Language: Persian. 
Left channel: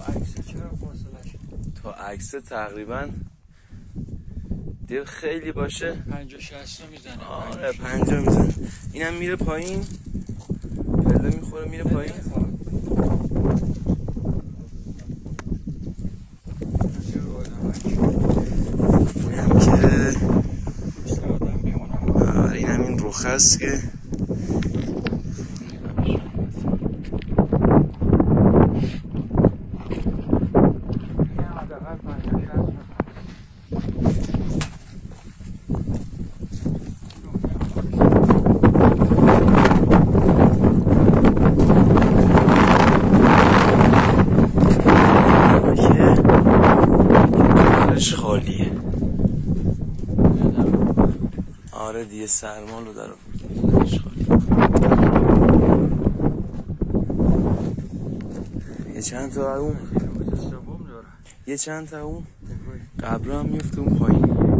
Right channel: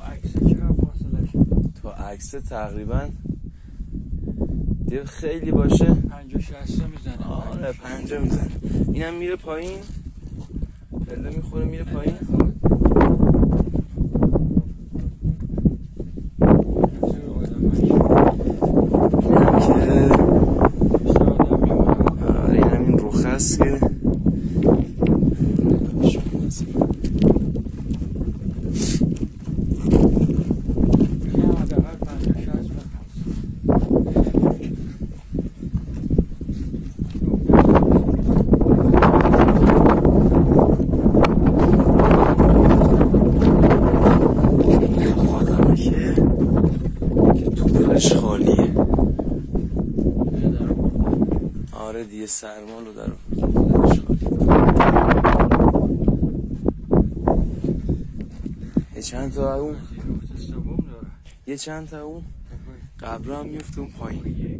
عکس چقدر فاصله شد؟ تا عکس تقریبا دیگه خیلی باشه 50-60 میزنه. آره 50 میزنه. اینم میره پایین، پله میخوره میره پایین. اینم که آره اینم این رخ هست که خالیه. آره دیگه سرمالو در آوردن خالیه. یه چند تا اون، یه چند تا اون قبر هم میفته اون پایین.